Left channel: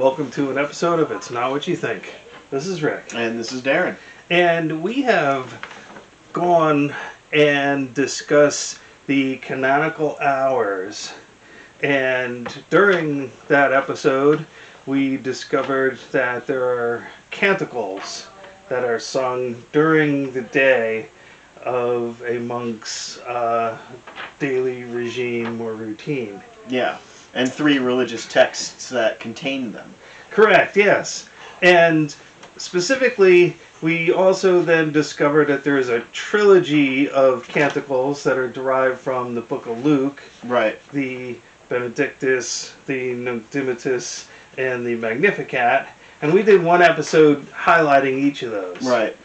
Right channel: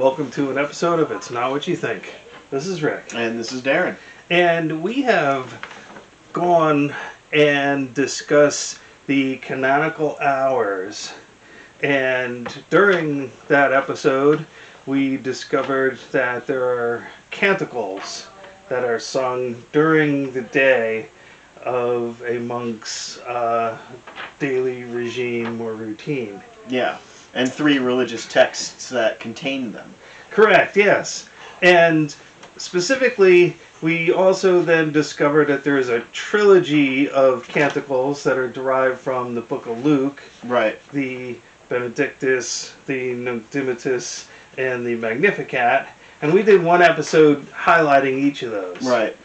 welcome to an episode of It's Not What You Think. This is Rick. And this is Darren. And we have gone and discussed the canonical hours. And during that episode, we discovered that there are canticles that are sung during the day of a monk's daily regime or routine. Yeah, and 3 religious texts that contain them. Correct, yes. And specifically, we also then discovered that there is a trilogy of canticles that are derived from the book of Luke. Right. The Benedictus, the Noctimatus, and the Magnificat. And we did one episode highlighting each of those. Right.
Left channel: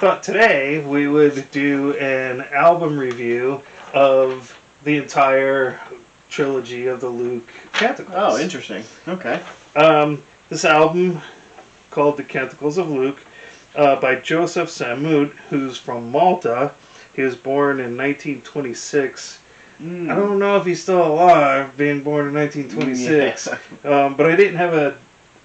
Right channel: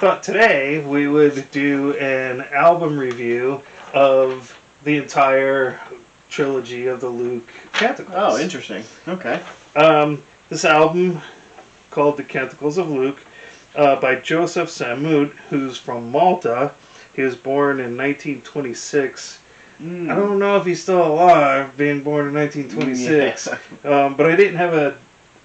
Thought today we would do an album review of the entire trilogy of the Luke Canticles. Oh, interesting. Okay. This album, called The Canticles of Luke, by Joseph Samut, who's from Malta. He was born in 1926. I don't know if he's still alive, being born in 1926, Yeah. but I didn't have an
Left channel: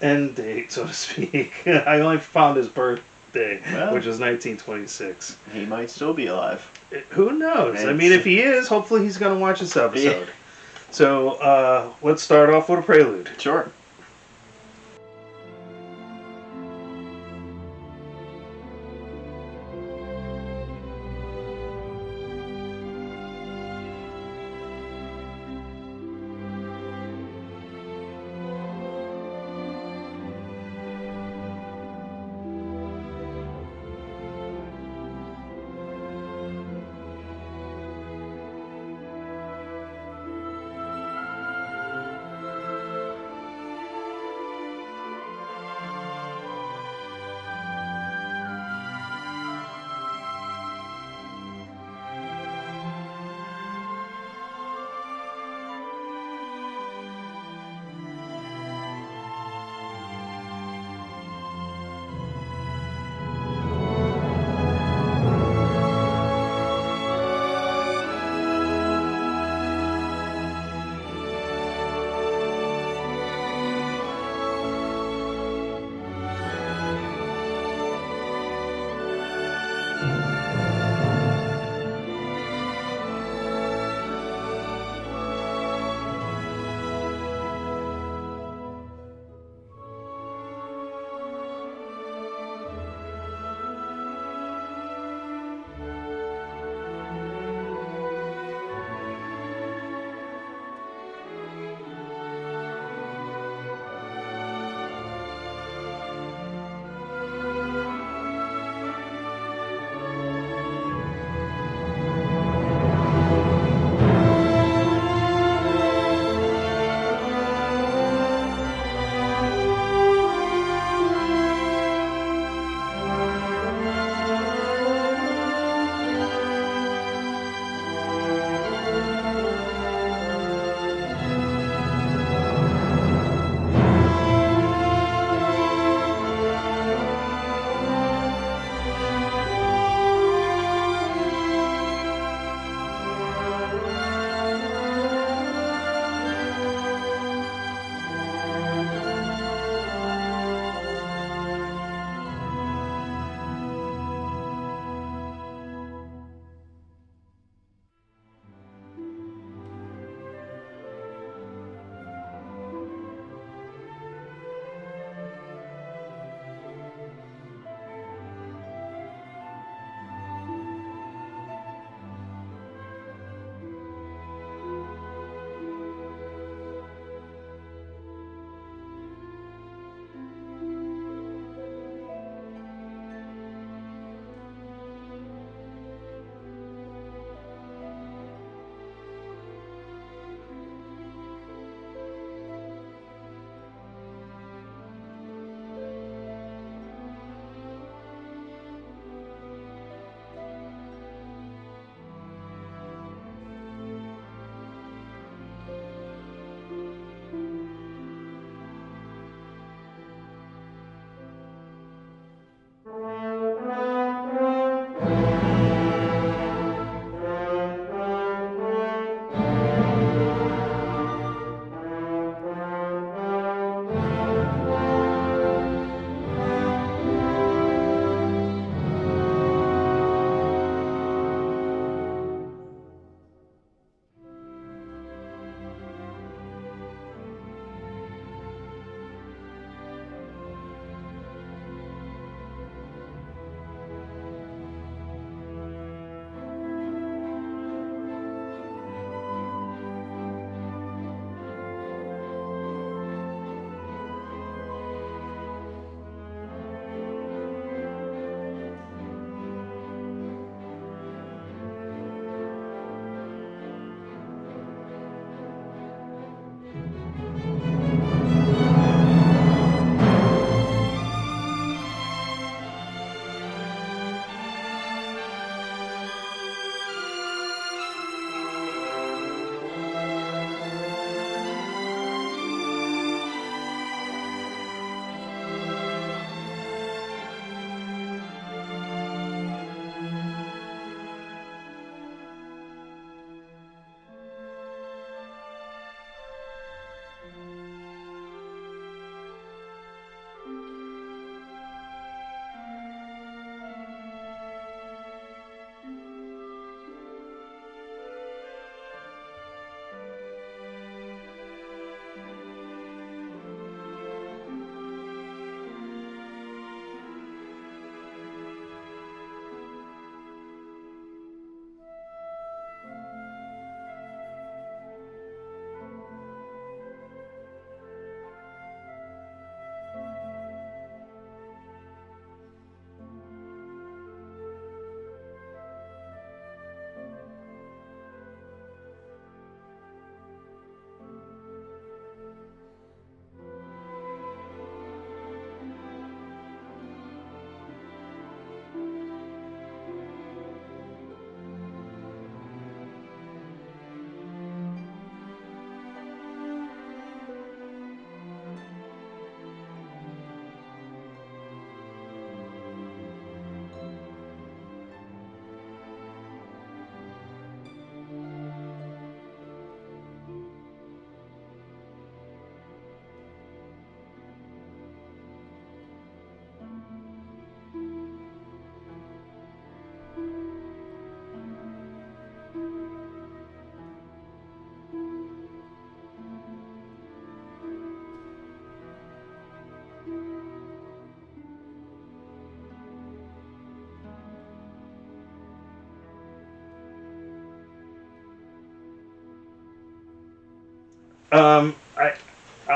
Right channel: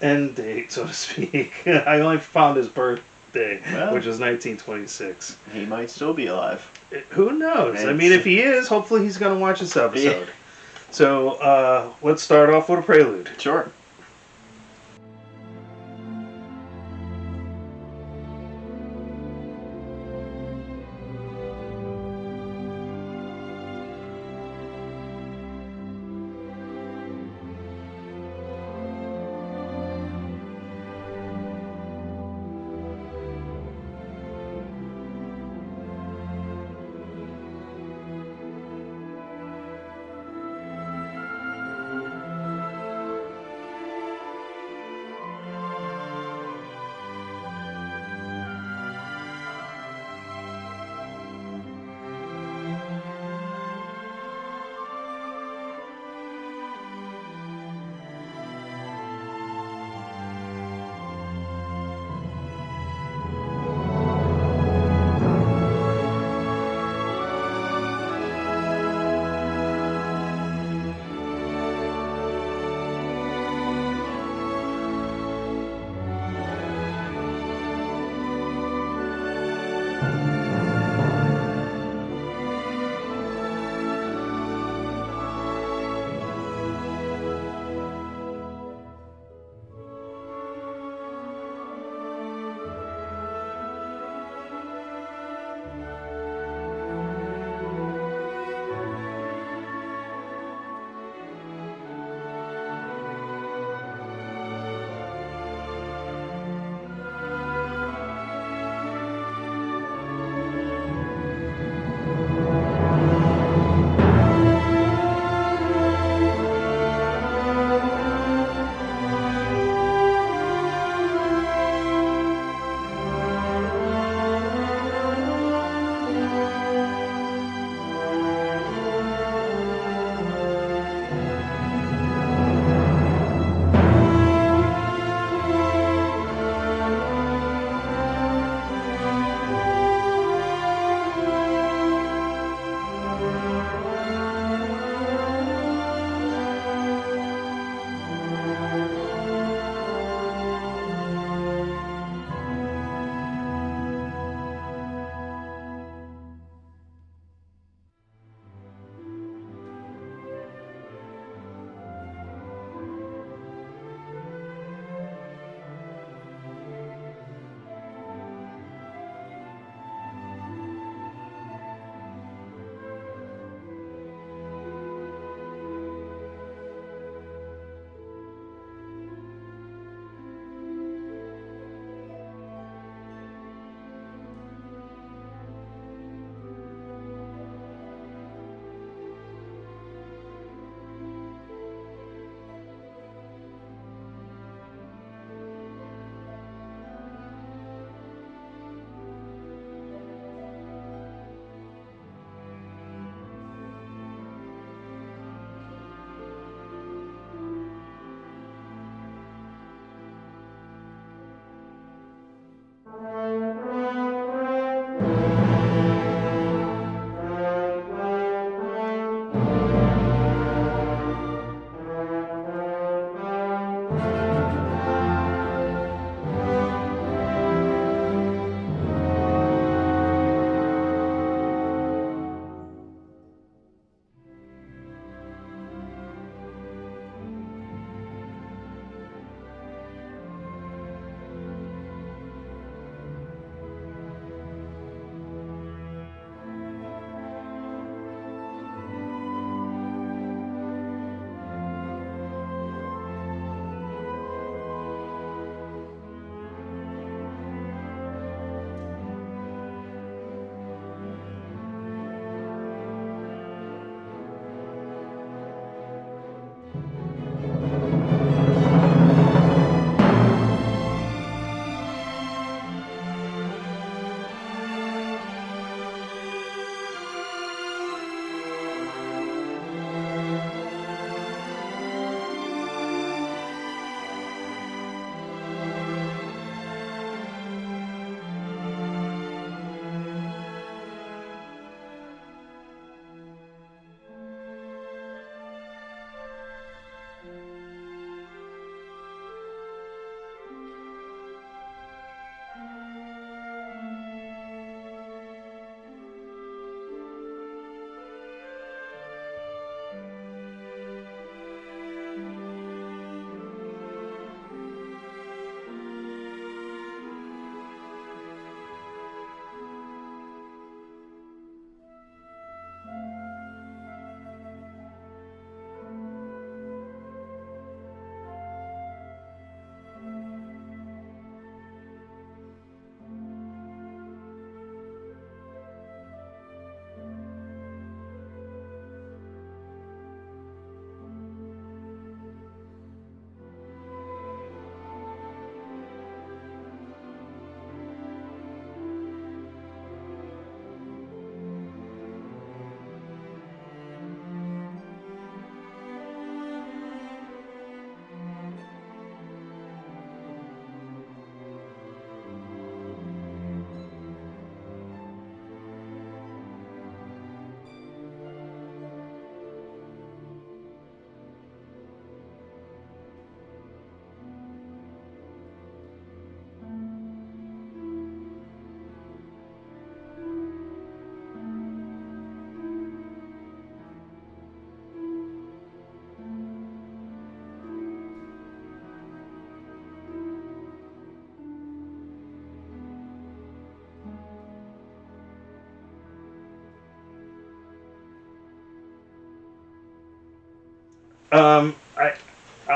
end date, so to speak. I only found his birthday, which was 1926. He might still be alive. Who knows? I mean, if he is, hopefully he's going to watch this episode. Yeah. So let's start off with a prelude. Sure.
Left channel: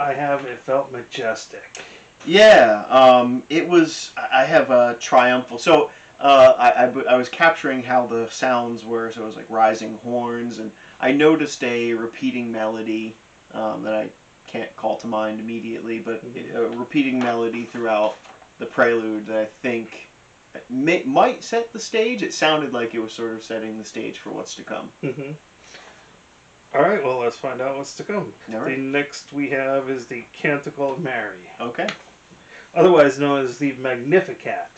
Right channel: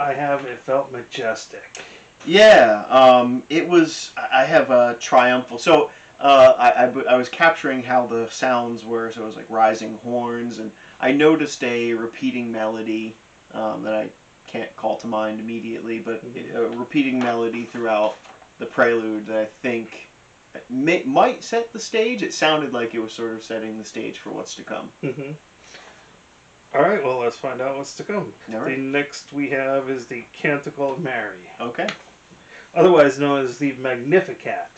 I have. It felt majestic. Yeah, it was. I have a triumphal. So I was capturing how the sounds were. So it was like rising horns, and I noticed a repeating melody that I can't call to mind immediately, but a repeating melody throughout the prelude that I think might set the stage. It sounded like it was sort of setting the stage for what's to come. Mm-hmm. All right, well, let's find out what's to come. All right. The next we have is the Canticle of Mary, Okay. otherwise known as the Magnificat.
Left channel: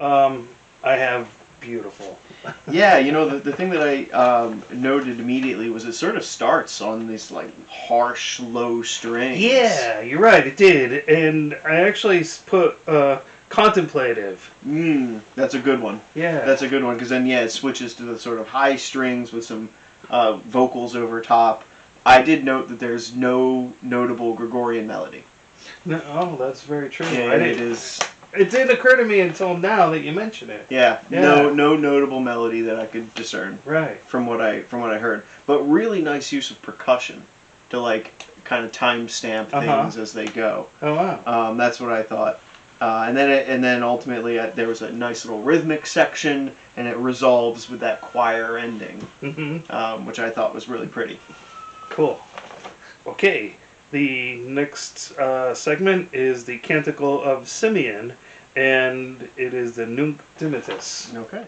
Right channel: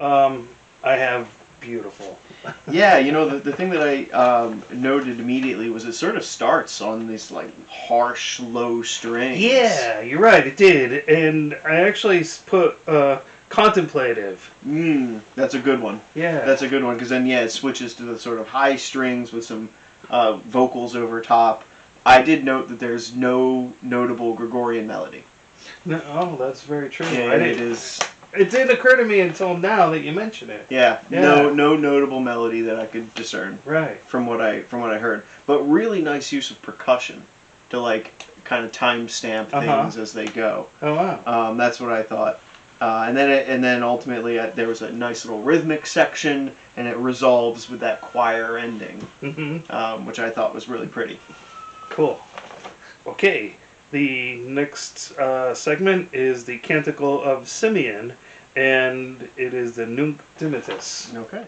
I have beautiful. Yeah, the thing that I noted immediately was it sort of starts on these like harsh, low strings. Yeah, you're right. It did, and I actually put contemplative. That's a good one. Yeah. That's a good one because then it switches to the sort of high strings with some vocals over top. I did note that there's no notable Gregorian melody. No, oh, that's very true. Yeah, it is. It didn't occur to me until now that you mention it. Yeah, Yeah. no notable melody that I could discern. Right. From what I heard, but really nice use of percussion to like kind of timestamp things as they go. Oh wow. That's what I thought. And then ultimately there was a nice little rhythmic section, and it resolves with that choir ending, which I thought was really pretty. Cool. Okay. The next segment is the Canticle of Simeon, and it is the Nunc Dimittis. Okay.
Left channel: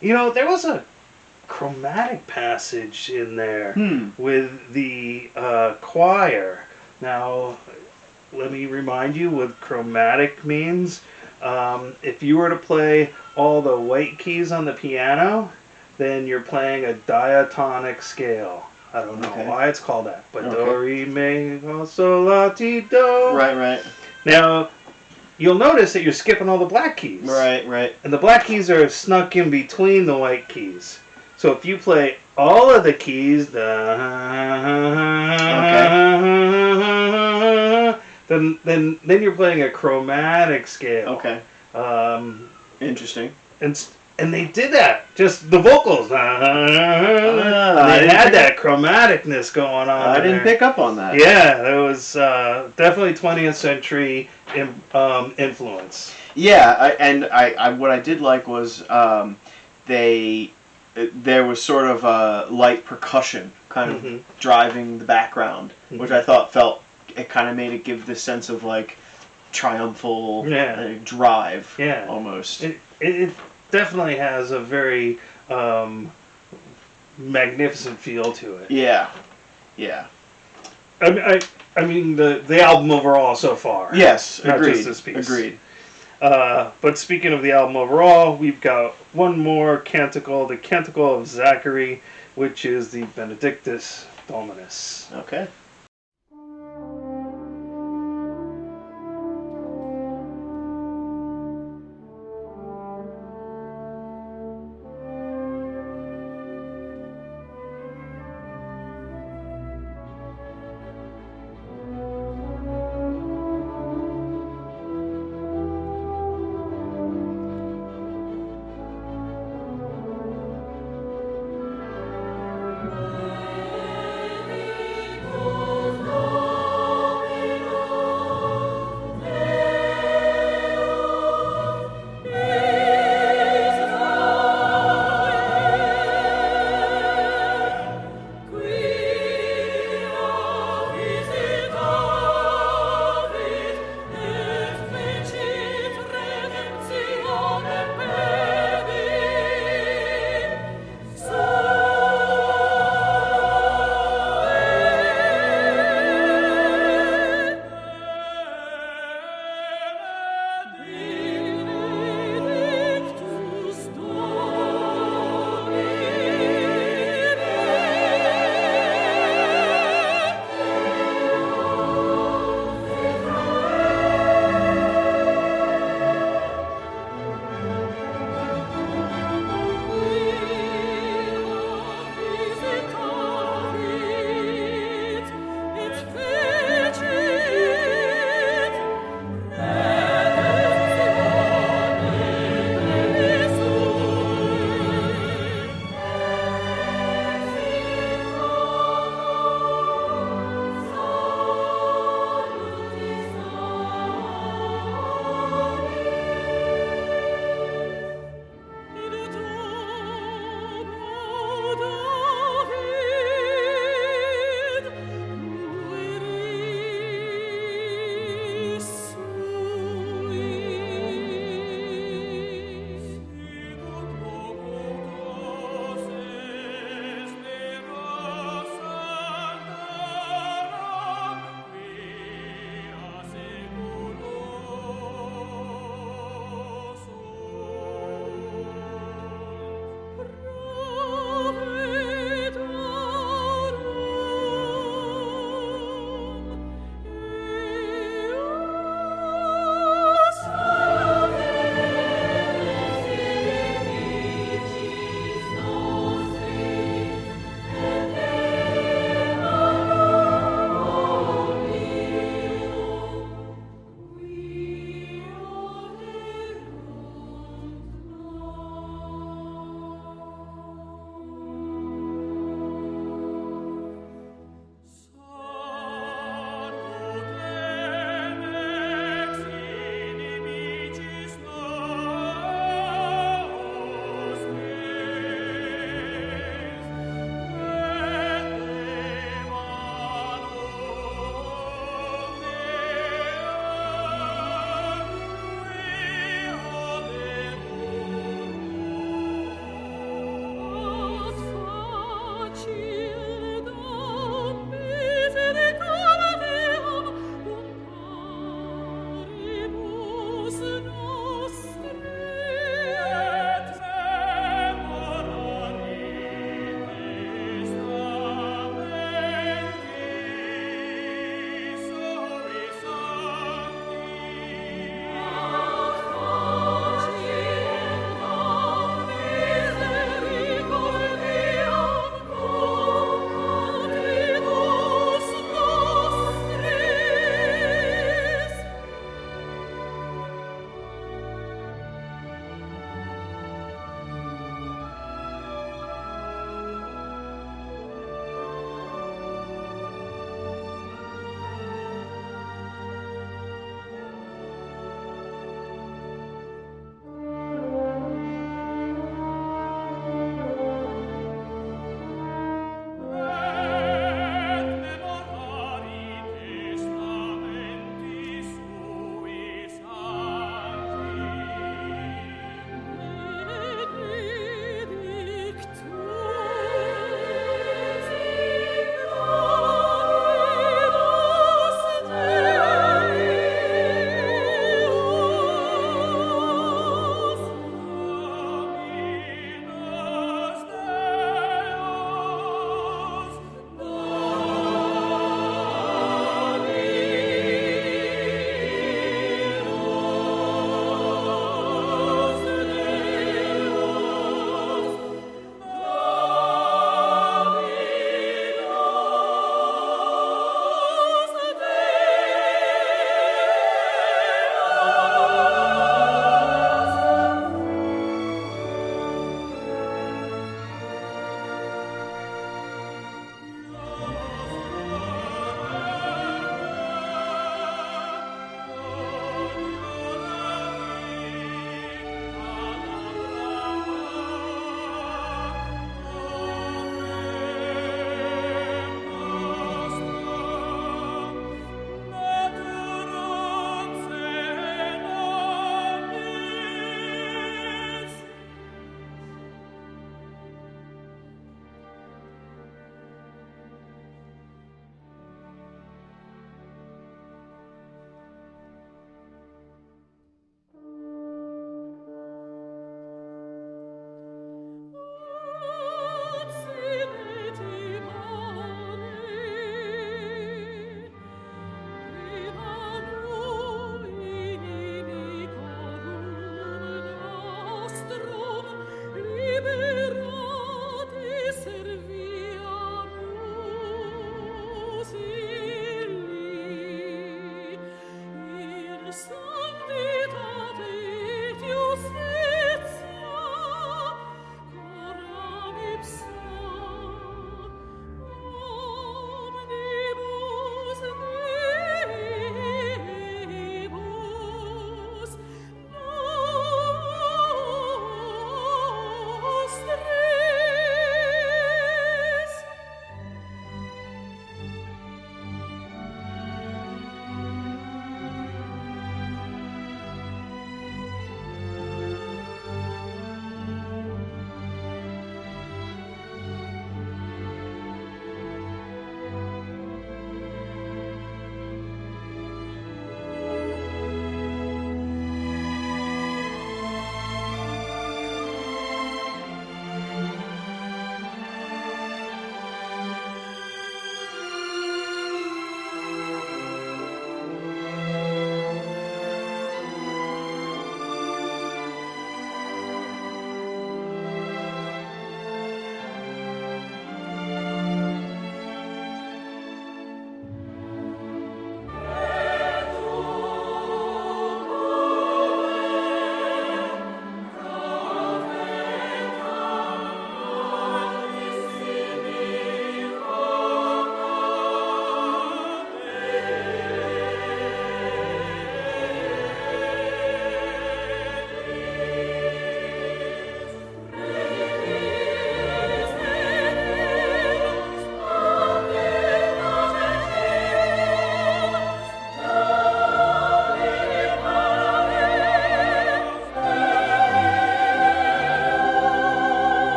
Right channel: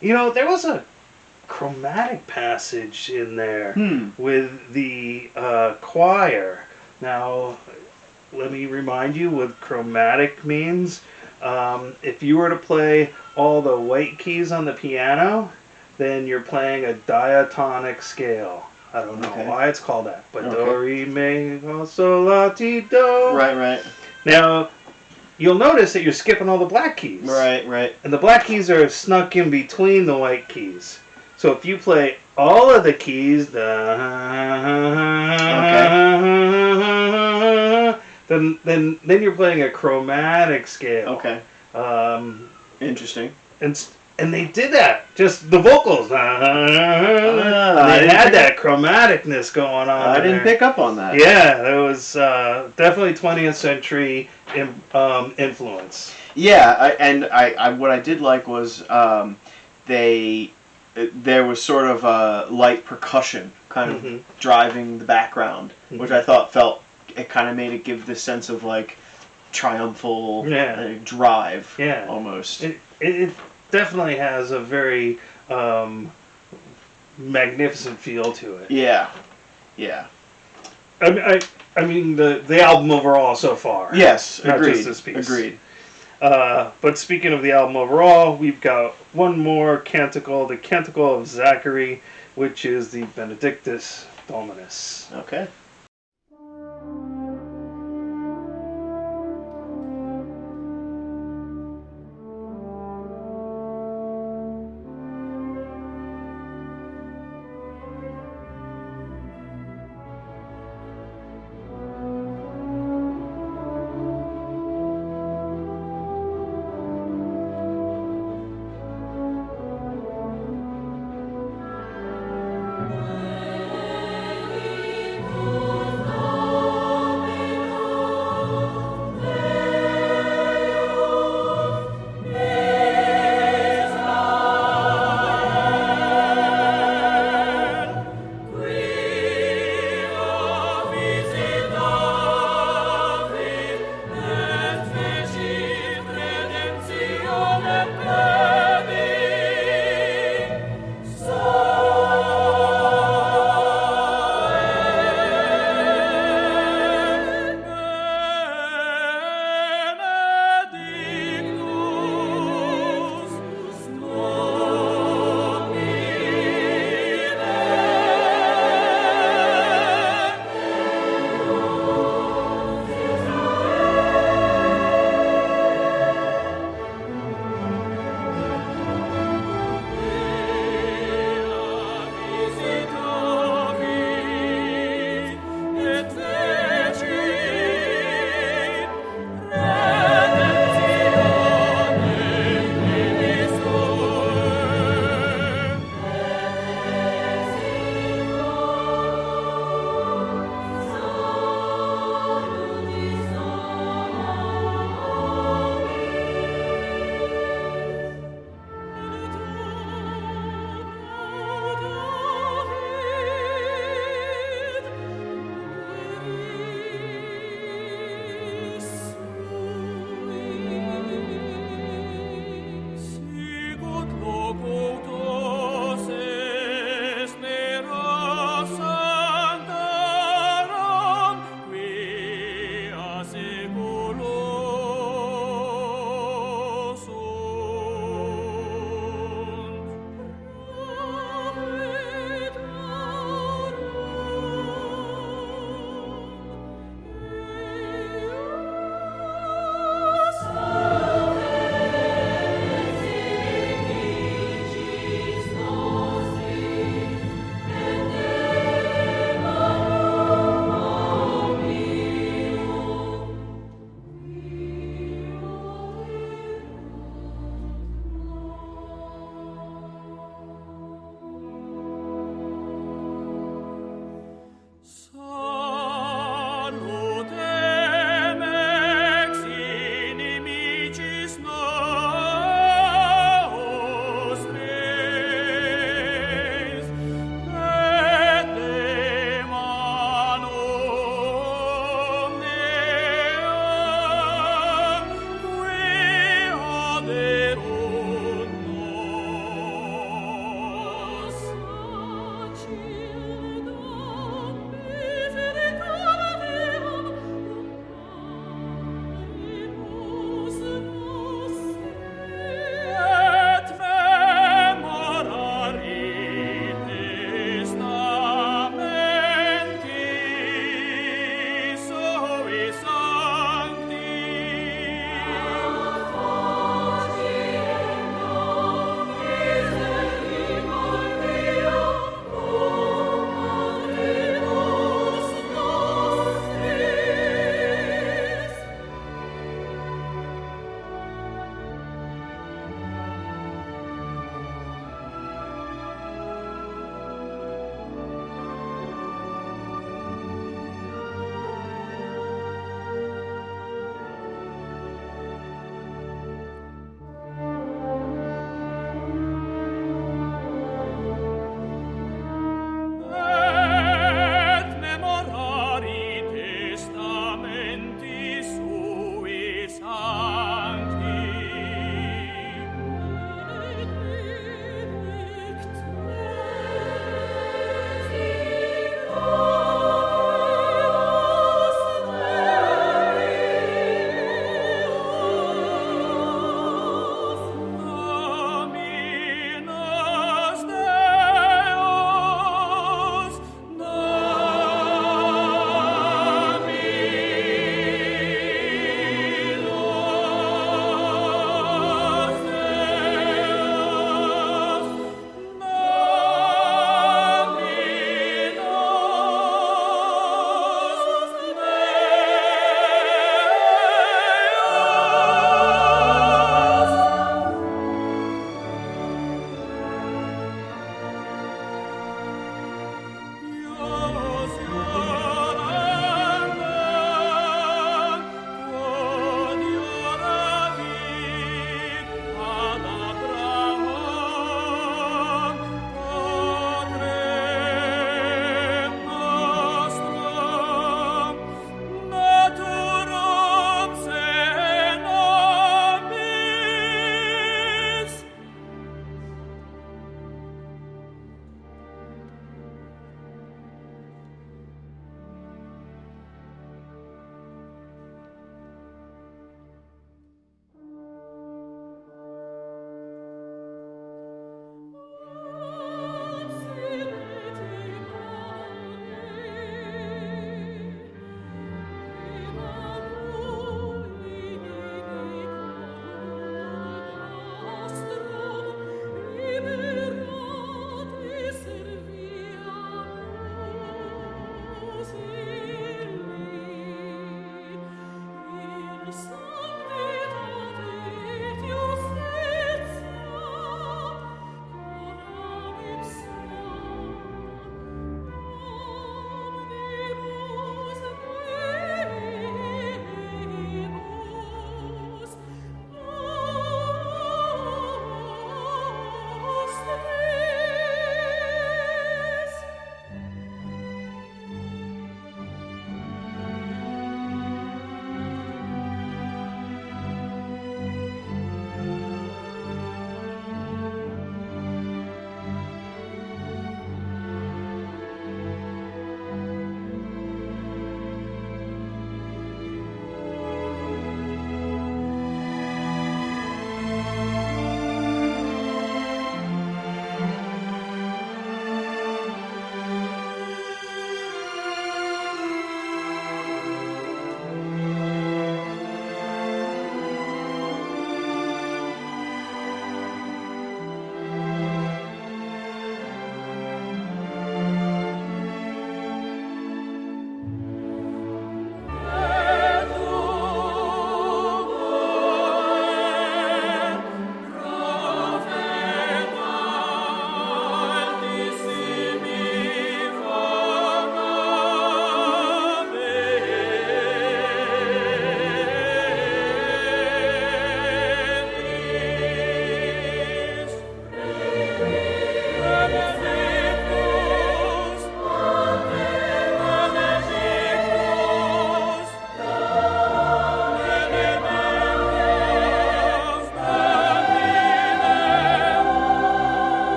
There was a chromatic passage in there with the choir. Now, let me remind you what chromatic means. If you were to play all the white keys on the piano, then you're playing a diatonic scale. I don't know why it's called that, but do, re, mi, fa, sol, la, ti, do. Right. Now, you'll notice that you're skipping all the black keys. Right. And the black keys are snuck in between the white keys. So if you play all of the keys, then you're playing a chromatic scale. Okay. Interesting. And they did that. Just the vocals. They had that chromaticness going on. I didn't pick up on that. Yeah, there was definitely 20th century influence. Yeah, I what I did like was there was sort of a light percussion kind of driving the background, which I thought it kind of made it give this sense of like triumphal drive almost. It definitely has a very magnificent feel to it. Yeah. I mean the album overall so far. Yes, not agreed. just this piece. Agreed. But speaking of the album overall, we've got one more canticle, the Canticle of Zachary, which is the Benedictus Dominus. Okay.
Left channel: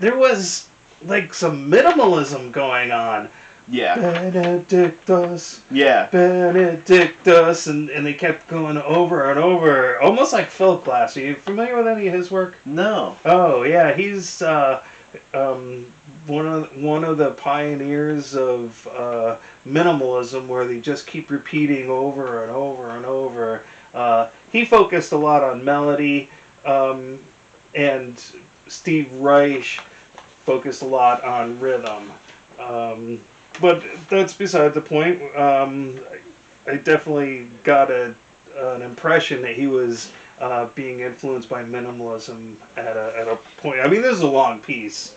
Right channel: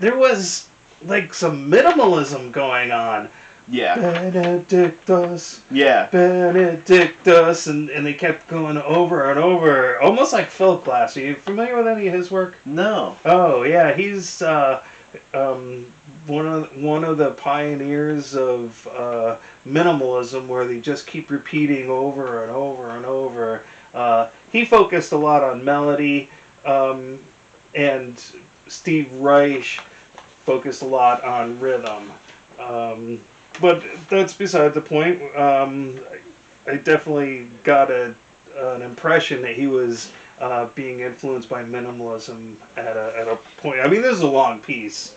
there was like some minimalism going on. Yeah. Benedictus. Yeah. Benedictus, and they kept going over and over, almost like Phil Glass. Are you familiar with any of his work? No. Oh yeah, he's one of the pioneers of minimalism, where they just keep repeating over and over and over. He focused a lot on melody, and Steve Reich focused a lot on rhythm. But that's beside the point. I definitely got an impression that he was being influenced by minimalism at a point. I mean, this is a long piece,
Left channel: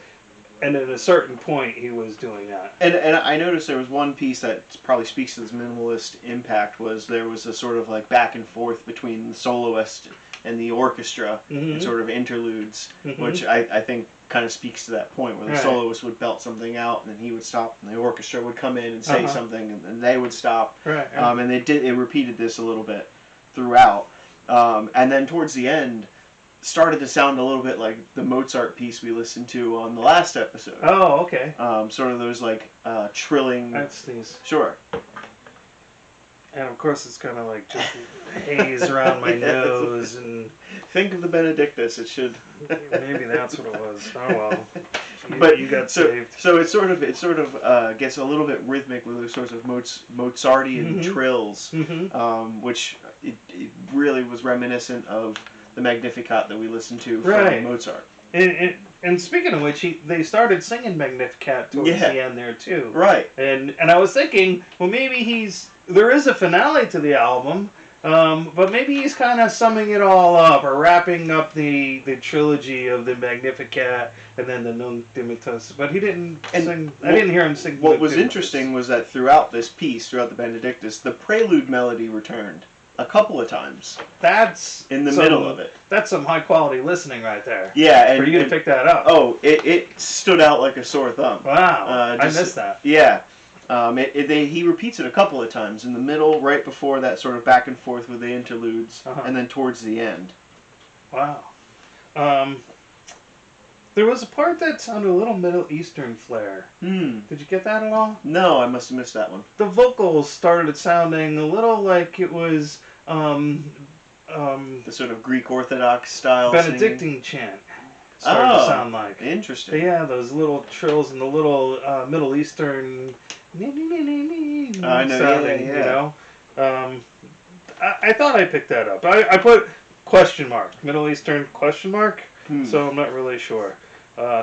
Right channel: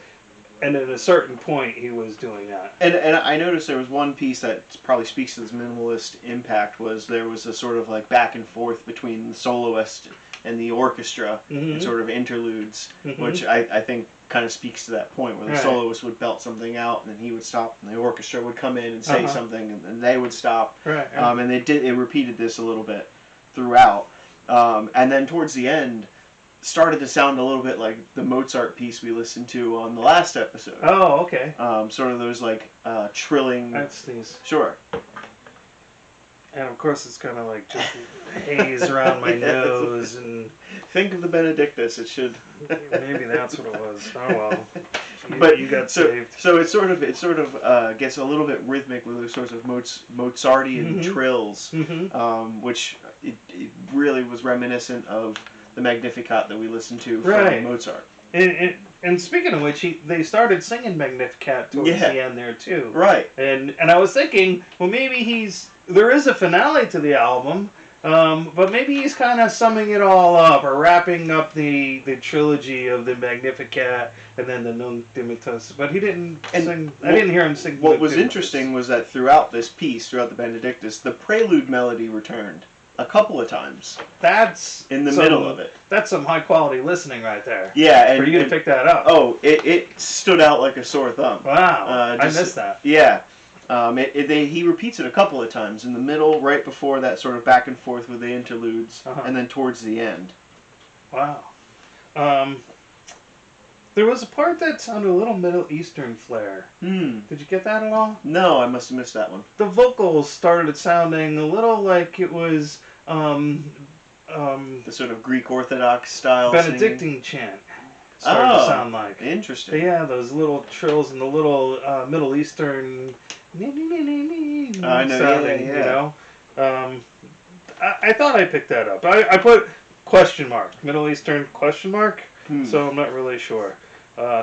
and at a certain point, he was doing that. And I noticed there was one piece that probably speaks to this minimalist impact. Was there was a sort of like back and forth between the soloist and the orchestra, and sort of interludes, which I think kind of speaks to that point where the soloist would belt something out and then he would stop and the orchestra would come in and say something and then they would stop. Right. And they repeated this a little bit throughout. And then towards the end, started to sound a little bit like the Mozart piece we listened to on the last episode. Oh, okay. Sort of those like trilling. I'd sneeze. Sure. And of course, it's kind of like just haze around my nose, and think of the Benedictus. It should. Maybe that's what it was. Oh well. But you got saved. So it sort of gets a little bit rhythmic with those sorts of Mozartian trills, which it really was reminiscent of the Magnificat that we listened to from Mozart. And speaking of which, they started singing Magnificat towards the end there too. Right. And I was thinking, well, maybe there is a finale to the album, but maybe he's kind of summing it all up, or wrapping up the trilogy of the Magnificat and then the Nunc Dimittis. But he didn't sing. I didn't hear him sing. What was interesting was that throughout this piece, throughout the Benedictus, the prelude melody returned a couple of times. That's in the middle of it. That's some high quality listening right there. Yeah, for you to pick that up. Oh, it stood out like a sore thumb. Wow, I missed that. Yeah. He repeats it a couple of times in the middle, right before that sort of back and forth with the interludes, and then towards the end. Wow. There was a part that sounded a little Middle Eastern flair. Did you get that at all? No, I must have missed that one. The vocals started sounding a little like it was the sort of Greek Orthodox style Benedictine chant. Started to sound like. Interesting. Yeah, those little trills and the little Middle Eastern sounding, you know. I thought I picked that up. I put question mark, Middle Eastern question mark, so I'm not really sure.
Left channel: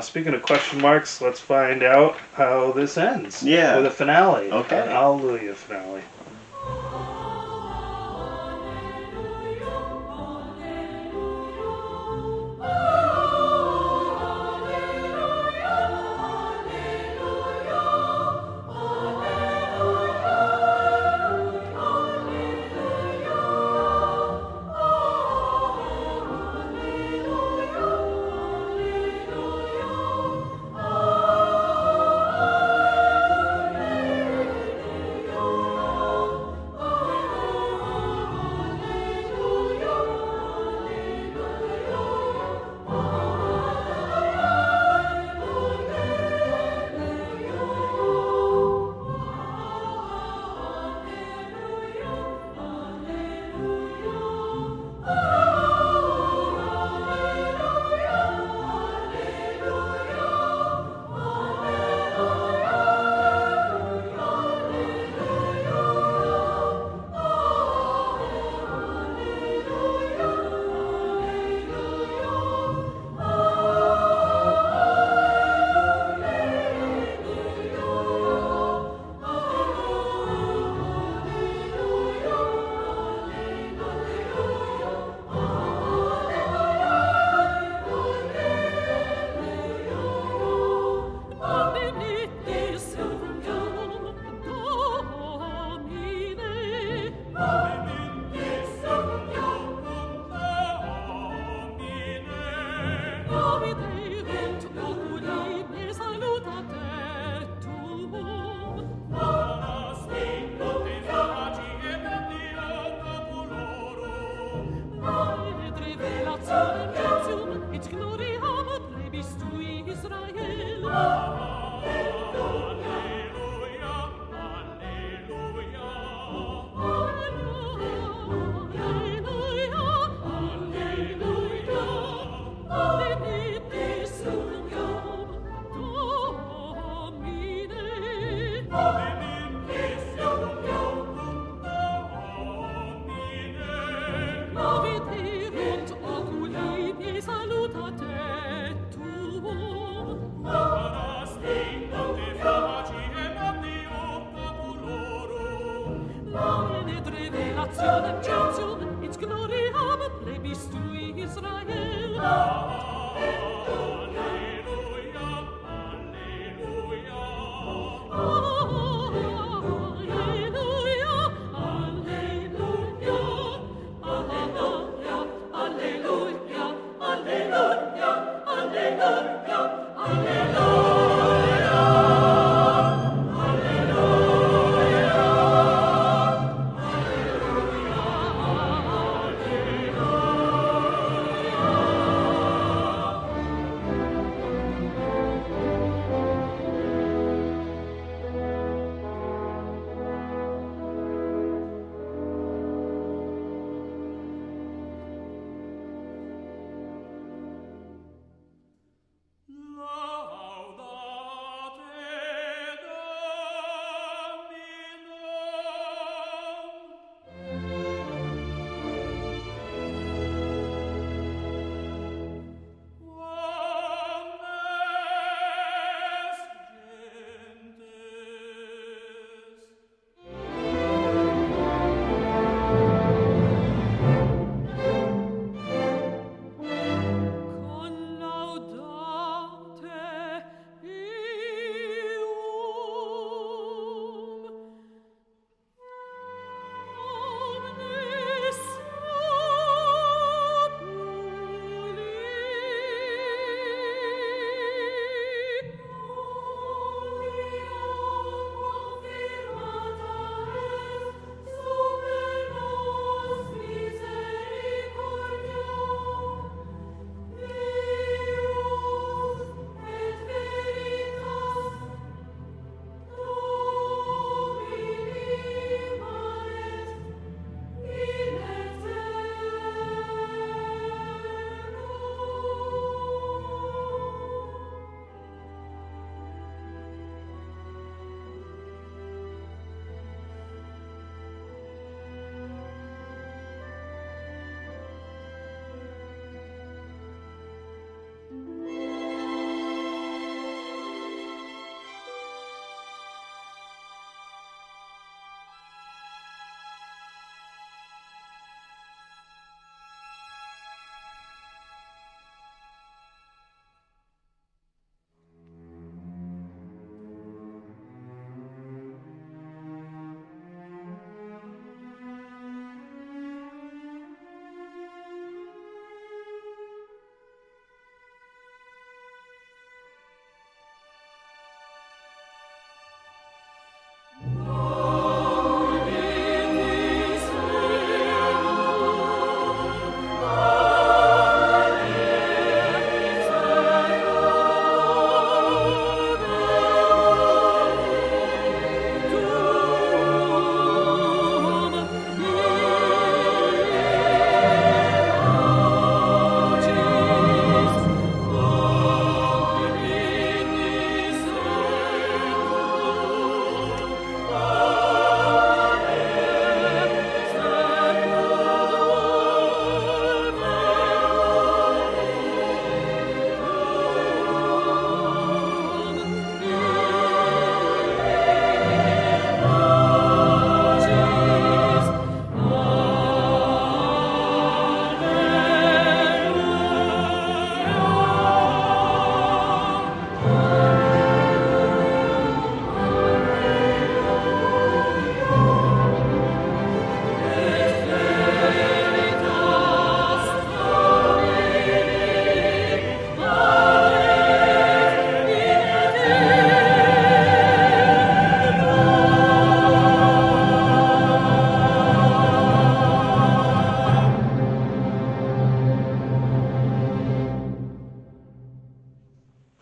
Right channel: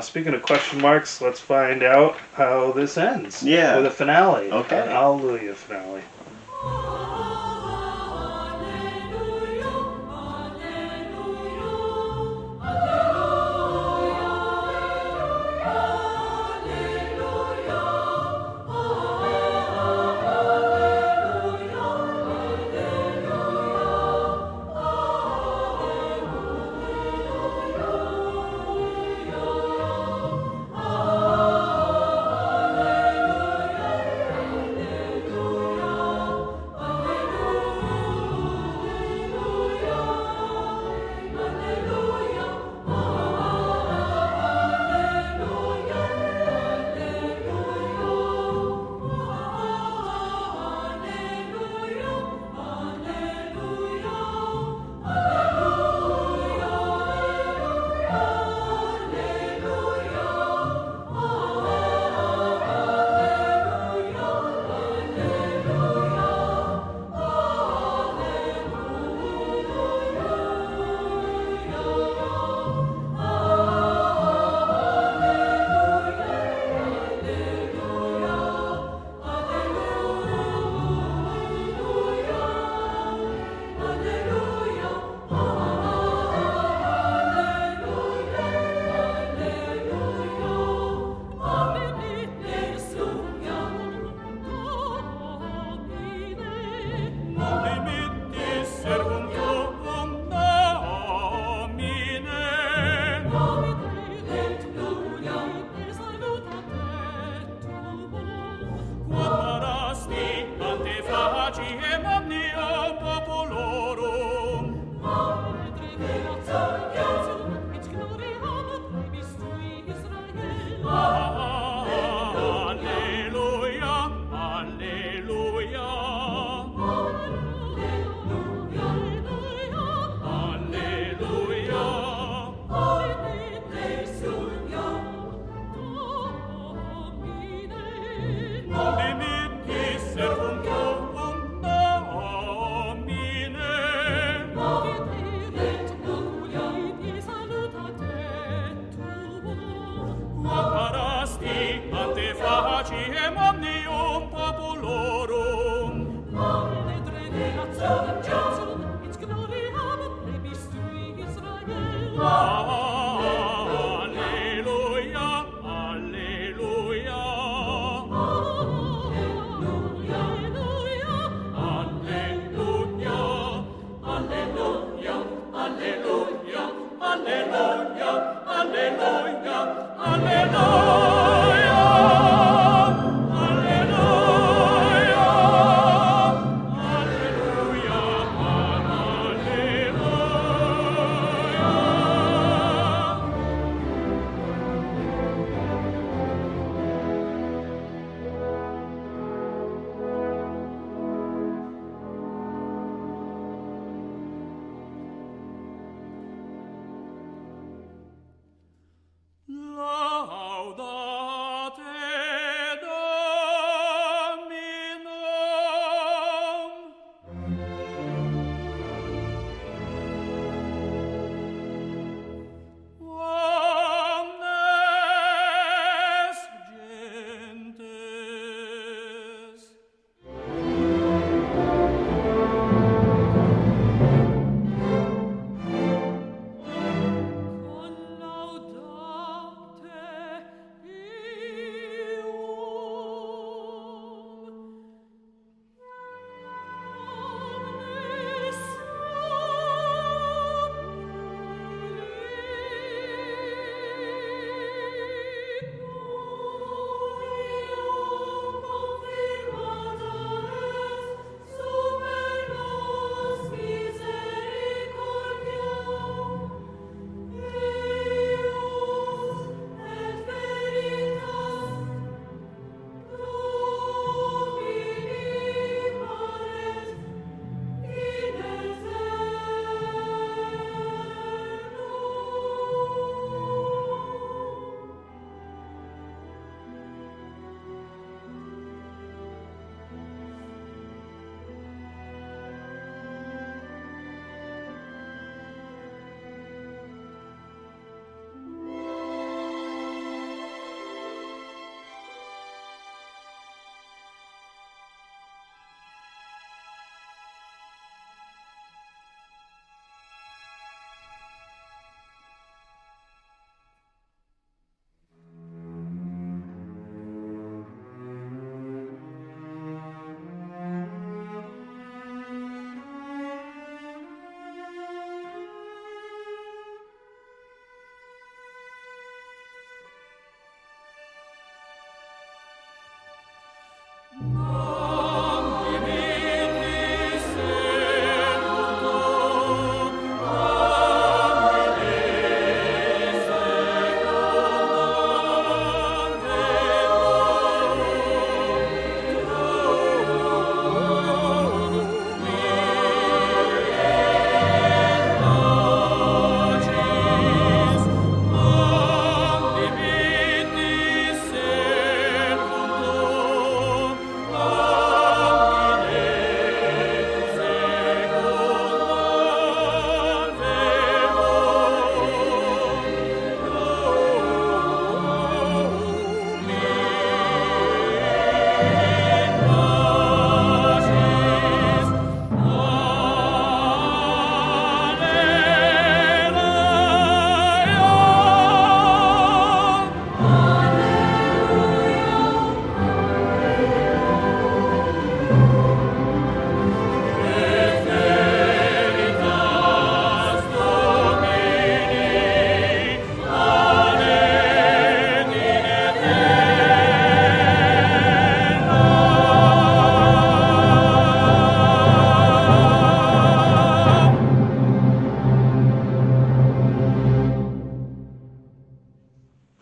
Speaking of question marks, let's find out how this ends. Yeah. With a finale. Okay. An Alleluia finale. La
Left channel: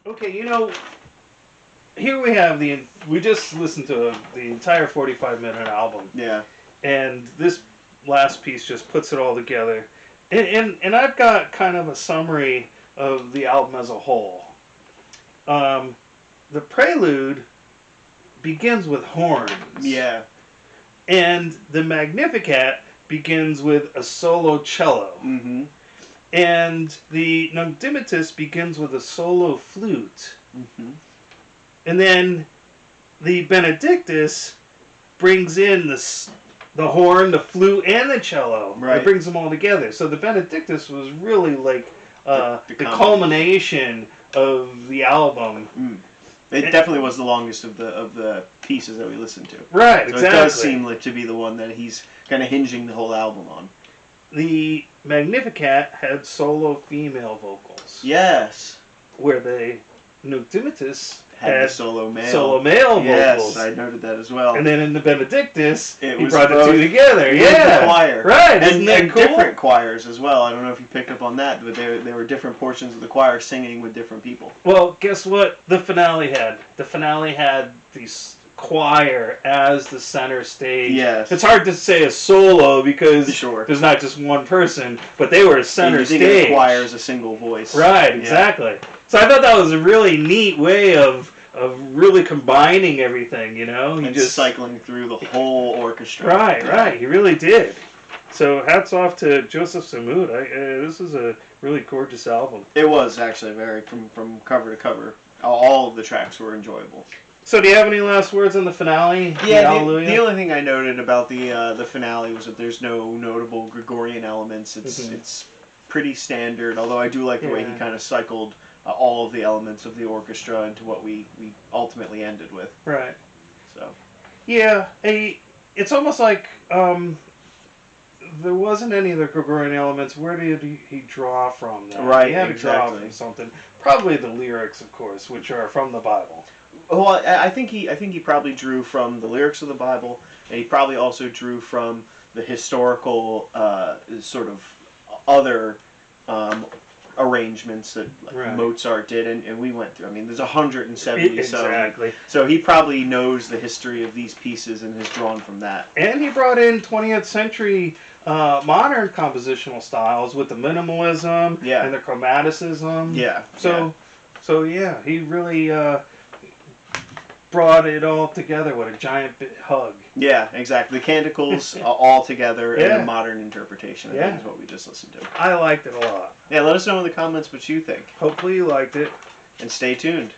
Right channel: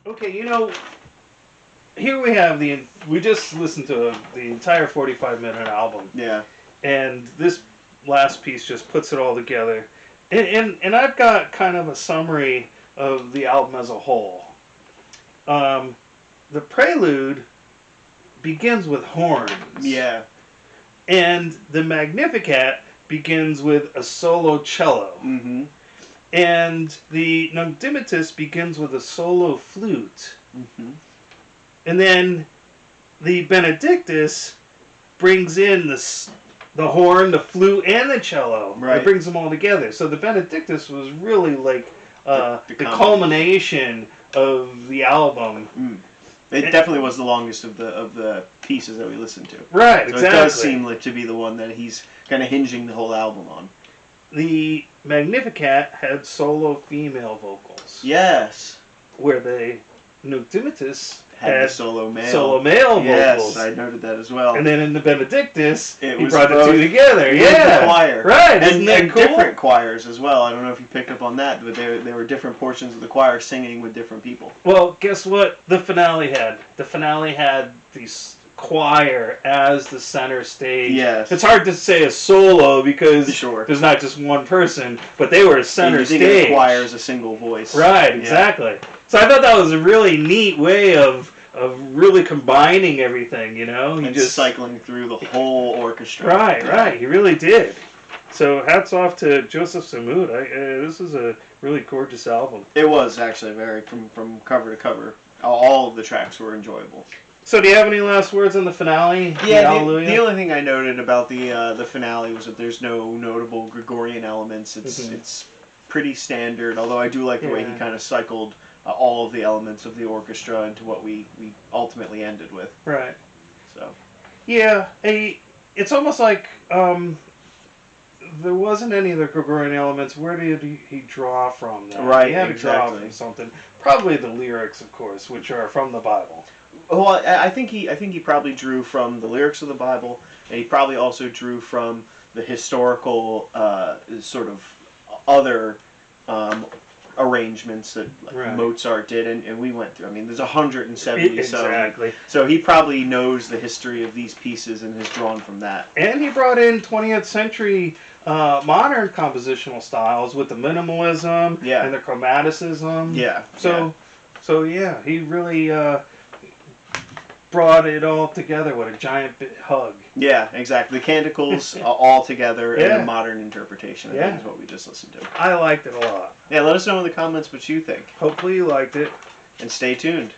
Okay, here we just listened to the entire 45-minute album, Yeah. and this last piece just puts it all together. And I've got kind of a summary of the album as a whole. The prelude begins with horns. Yeah. And the Magnificat begins with a solo cello. Mm-hmm. And the Noctimitus begins with a solo flute. Mm-hmm. And then the Benedictus brings in the horn, the flute, and the cello. Right. It brings them all together. So the Benedictus was really like the culmination of the album. Mm. It definitely was the longest of the pieces that we listened to. Right, so exactly. It does seem like to be the one that he's kind of hinging the whole album on. The Magnificat had solo female vocals. Yes. Where the Noctimitus had the solo male vocals. Yes, I noted that as well. And then in the Benedictus, he was brought the two together. Yeah, the choir. Right, and that cool? Different choirs as well. I don't know if you picked up on that, but there were different portions of the choir singing with different people. Well, guess what the finale had? The finale had these choir as the center stage. Yes. It's hard to say a solo because sure. there's not just one person, but they were a center stage. The choir is a single voice. Right, exactly. Yeah. So I thought that was a really neat way of really combining everything, And just cycling through the whole orchestra. Right. He really did. So hats off to Joseph Samud. This is a really gorgeous album. It was actually from cover to cover. All of the tracks were enjoyable. So do you have any last words on the finale? Yeah, the only thing I noted about the finale was that there's no notable Gregorian elements. It's pretty standard, although I do like the way he kind of cycled all of the elements of the orchestra into what we ultimately ended with. Right. So. Yeah, it's almost like there wasn't any of the Gregorian elements. Where did he draw from that? Right, he had to exactly. draw from something. Probably the lyrics, of course, which are from the Bible. Well, I think he probably drew from the lyrics of the Bible, and he probably also drew from the historical sort of other arrangements that Mozart did, and we went through. I mean, there's 170 exactly. So he probably knows the history of these pieces and has drawn from that. And he brought in 20th century modern compositional styles with the minimalism and the chromaticism. Yeah. So he really brought it all together with a giant hug. Yeah, exactly. The Canticles all together in a modern interpretation. I think is what we just listened to. I liked it a lot. Yeah, let us know in the comments what you think. Hopefully you liked it. And stay tuned.